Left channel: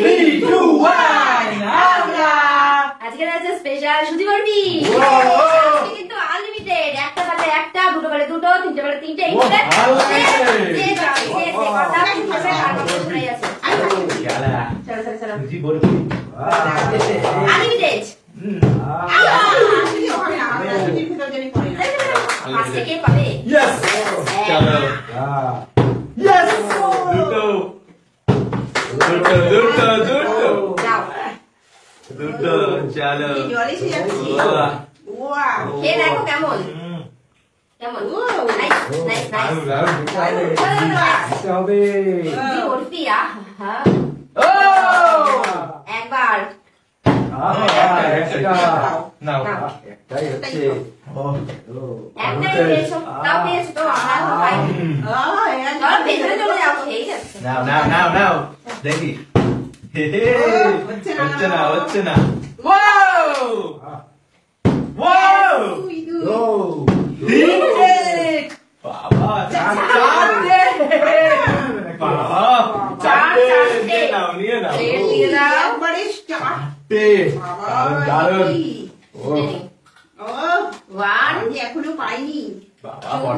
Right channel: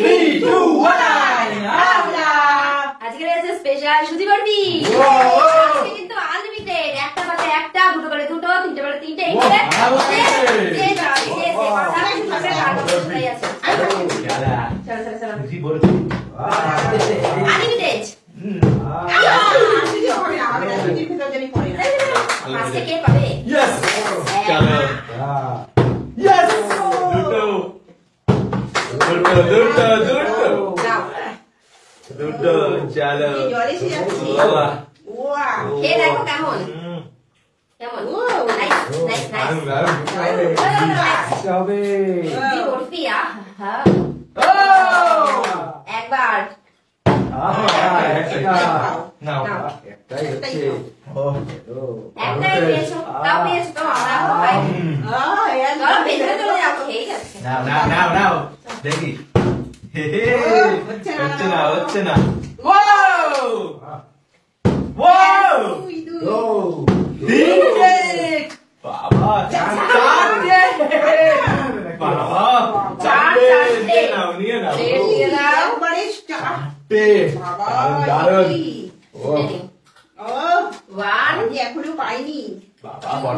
3, 2, 1 আজকে আছে স্পেশাল সুজি বরফি আজকে কিন্তু আনলিমিটেড একটা বারে একটা দুটো বারে দুটো তিনটে বারে তিনটে চলো সুজি বরফি আনলিমিটেড আজকে কে পাবে Yes! চলো Yes! দুটো চলো কে দেখো কেমন কেমন নাইস নাইস নাইস হবে বরফি একবার নাও একটাই হচ্ছে একটাই পেয়েছো তাও পেয়েছো তো আমরা এখন পাইনি চলো ভেতরে চলে যাও ঠিক আছে নাও দেখি হচ্ছে না তিনটে বাবা চারটে নিয়ে নাও চারটে দারুণ এখনো পাইনি বাবা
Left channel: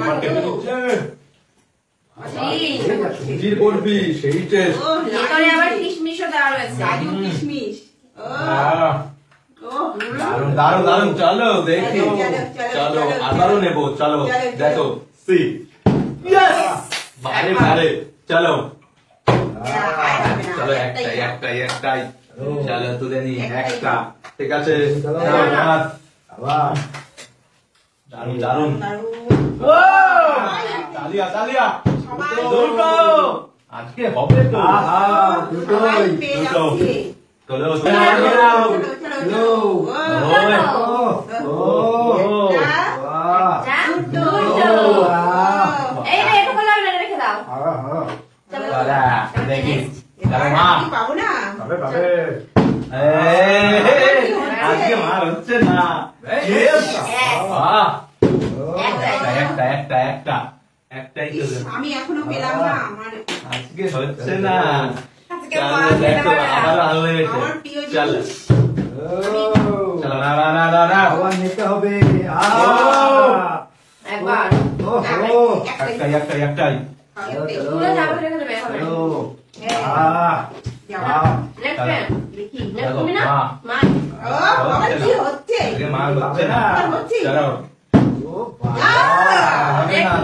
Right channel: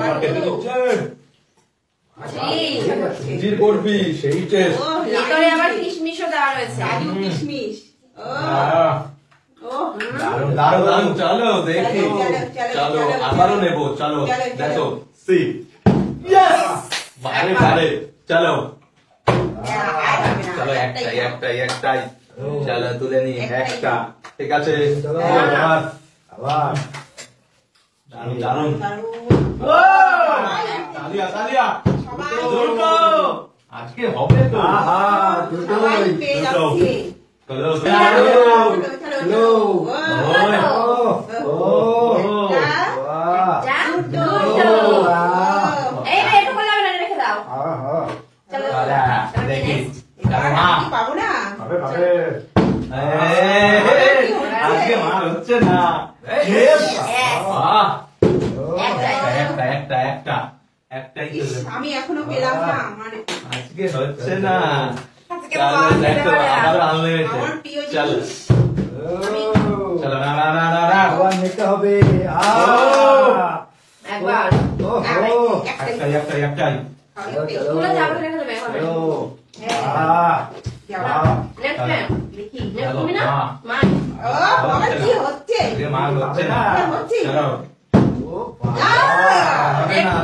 সুজির বরফি সেই টেস্ট এখানে আমার কিশমিশও দেওয়া রয়েছে কাজু কিশমিশ দারুণ চলো দেখি চলো আবারও নেবো চলো দেখো সি বারে চলো চলো একটাই চলো তুলে নি একটা ঠিক আছে দারুণ তালিয়া আজকে হবে তো পাবো না আজকে মার হচ্ছে না একটাই আমি এখনো পেলাম না আমার আজকে হচ্ছে না দেখো আবার আনলিমিটেড চলো না আবার নিতে হবে একবার একটাই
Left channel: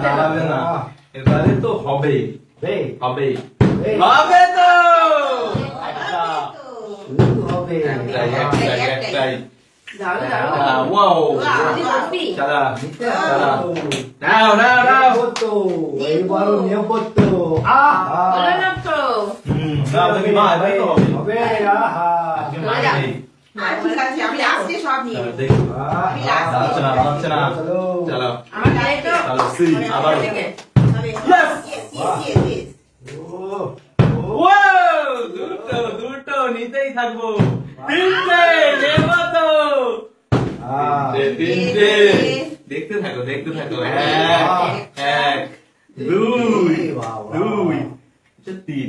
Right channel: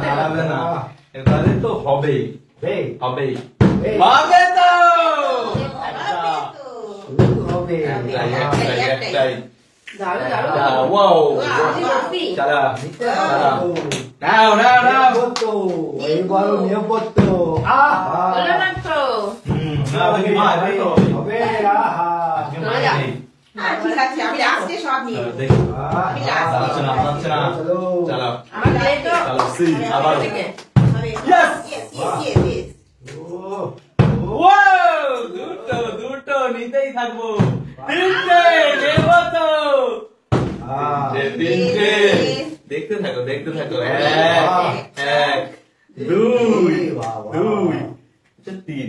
দাঁড়াবে না এবারে তো হবেই তো একটাই এইবারও নিয়োগত্ব হবে ঠিক আছে আমি আজকে সব নিয়ে দুটো নিতেই থাকবো তিনটে দেখতে থাকো এক দুই তিন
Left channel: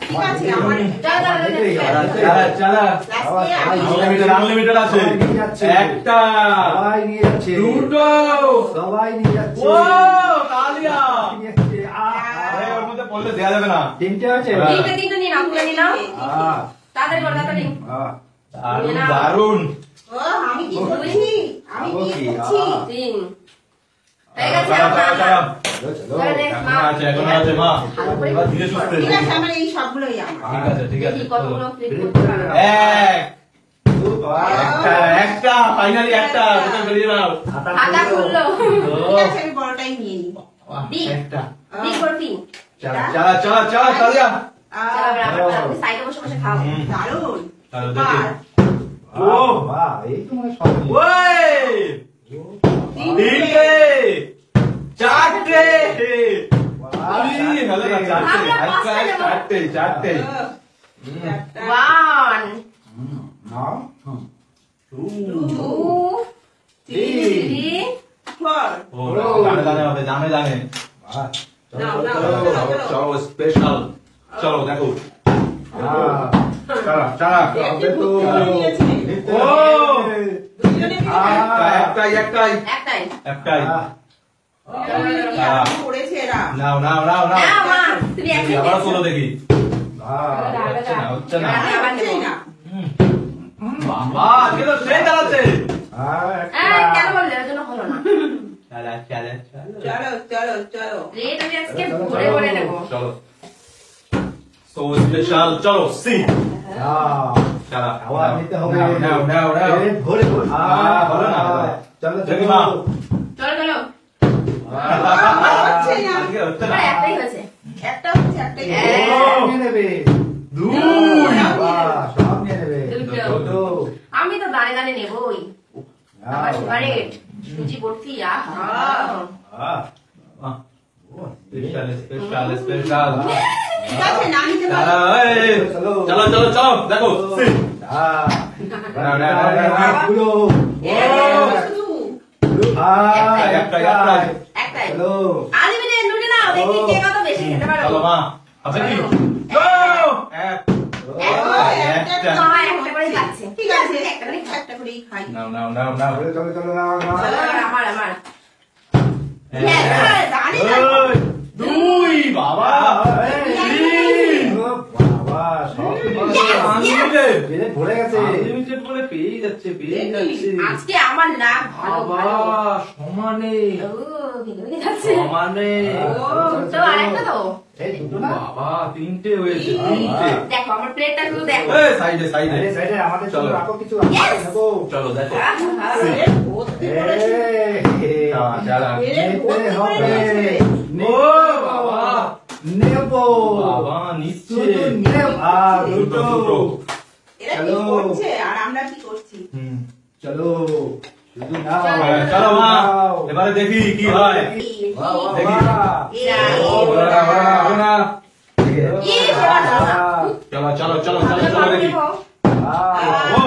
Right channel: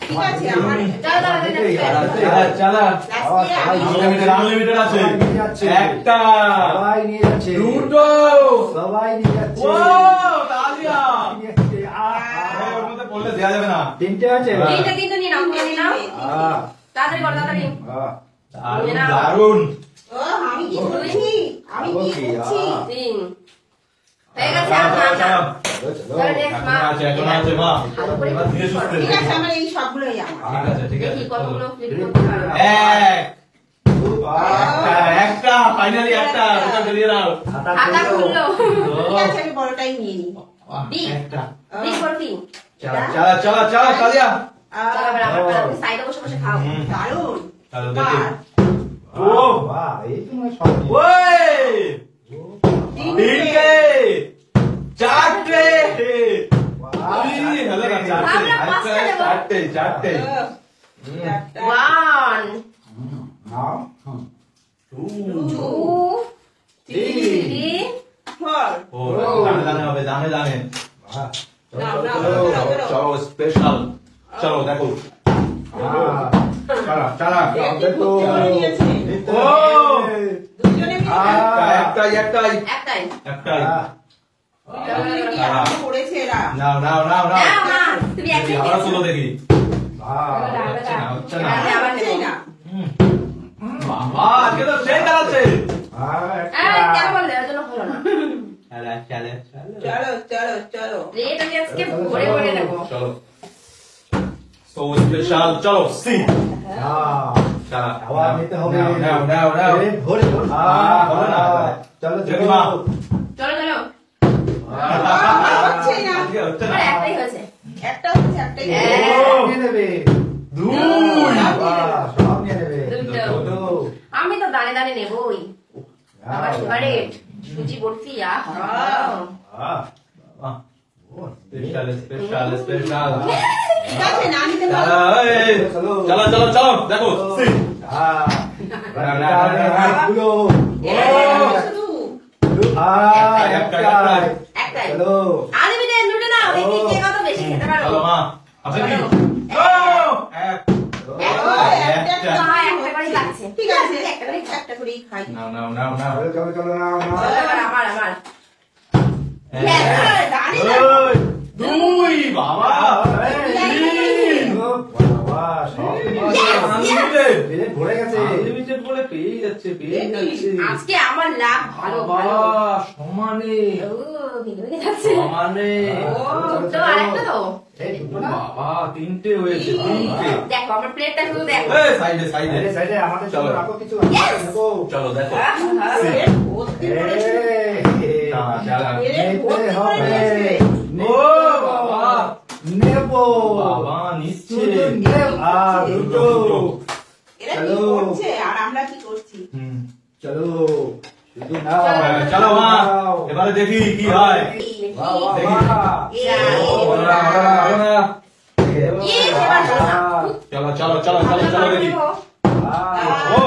ঠিক আছে আমার আনলিমিটেড আছে একটা দুটো সবাই নিয়ে যাচ্ছে বললে দেওয়া যাবে না তিনটে আছে তিনটে নিলাম তাড়াতাড়ি দারুন আমি কি করেছি আমি কি করছি তিন এখন আছে মা ধীরে সুস্থে ঠিক আছে আমার এই সবগুলোই আমার ঠিক আছে কতগুলো ফ্লিপ করতে পারো একটা ফাইনালি একটা দুটো বেরিয়ে নাও আটা খুললো ঠিক আছে আমি বড়টাই নিয়ে নিই একটা চলো চালিয়া সাইডে বসে বসে খাও দারুণ দেখি এই তোমার সব তিনটে চারটে চারটে ওয়ান টু থ্রি দানে চলো স্পেশাল চলো দেখো চালা চালা হবে তো নিয়েছে। নিতে ও! হবে। দুজনে মিলে একটাই একটাই একটাই একটাই কি আরম্ভ করেছে এরা। নাও নাও নাও নাও না মা তুমি দেখি, একসাথে আবার তোলো দেখি হচ্ছে না হচ্ছে না হচ্ছেই না। বাবা আজকে তো সেই চালাচ্ছে কেন বললে ওর জন্য হলো না চালা চালা চালা চলো চলো চলো। রেট আমি আজকে ভরে ভরে নেবো চলো সো স্পেশাল চলো সি চালা আবার নিতে হবে নাও নাও নাও নাও পেট ভরে ভরে ধরো না, চলো দেখি চলো মা। চলো চলো হচ্ছেই না। আজকে হচ্ছে না আমার একটাই হয়েছে একটা হচ্ছে একটাই। নিয়ে নেবে দুই বাহ, সব নিয়ে নেবে দুটো। দুটো। আমি তো দানে দানে নেবই আমার ফেভারিট সুজি বলছি আহা স্পেশাল স্পেশাল স্পেশাল ঠিক আছে না নিতে পারো। চলো চলো চলো চলো দেখো সি গুলো শুধু। একটাই চলো আলিমিনে নুটে নাও দেখি কে কত বেশি খেতে পারো চলো মা হাতে কি এক একটা মা একটা করে যাচ্ছে ঠিক আছে একটা করেই খাই। নাও নাও নাও নাও চলো চলো চলো নাও নাও আমার আমার জানি না। দুই বাবা তিন বাবা সব আনলিমিটেড পেট ভরে গেছে আনলিমিটেড বলে পেয়ে যাচ্ছে পেয়ে যাচ্ছে আজকে আমার লাভ ভালো বাবা ভালো সমানে ও ভিডিও যাচ্ছে সমানে ও তো আরেকটা তো এই দুটো না বাবা তিনটে হয়েছে তিনটে দেখো আমার প্লেটটা শুধু দেখো এই সাইডে সাইডে সাইডে সাইডে আমাদের জন্য চলো। রাখো কিছু আমরা নেবো চলো দেখো ভর্তি করেছে। চালা নিতে হবে ও বাবা নেবো বাবা নিচ্ছে শুধু নেব আর দুটো এরা কি হ্যালো। করছে আর আমরা কি করছি। চলো শুধু নাও চলো মা এবারে দেখি কি হয় বাহ, বাহ, দেখি। বাহ। বলো না, বলো না, বলো না। বাহ, চলো চলো চলো চলো চলো দেখি বাহ। ও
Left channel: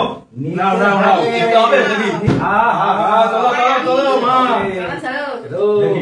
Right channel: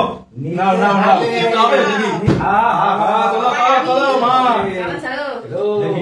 নাও নাও নাও যেতে হবে দেখি চলো চলো চলো মা চলো চলো। দেখি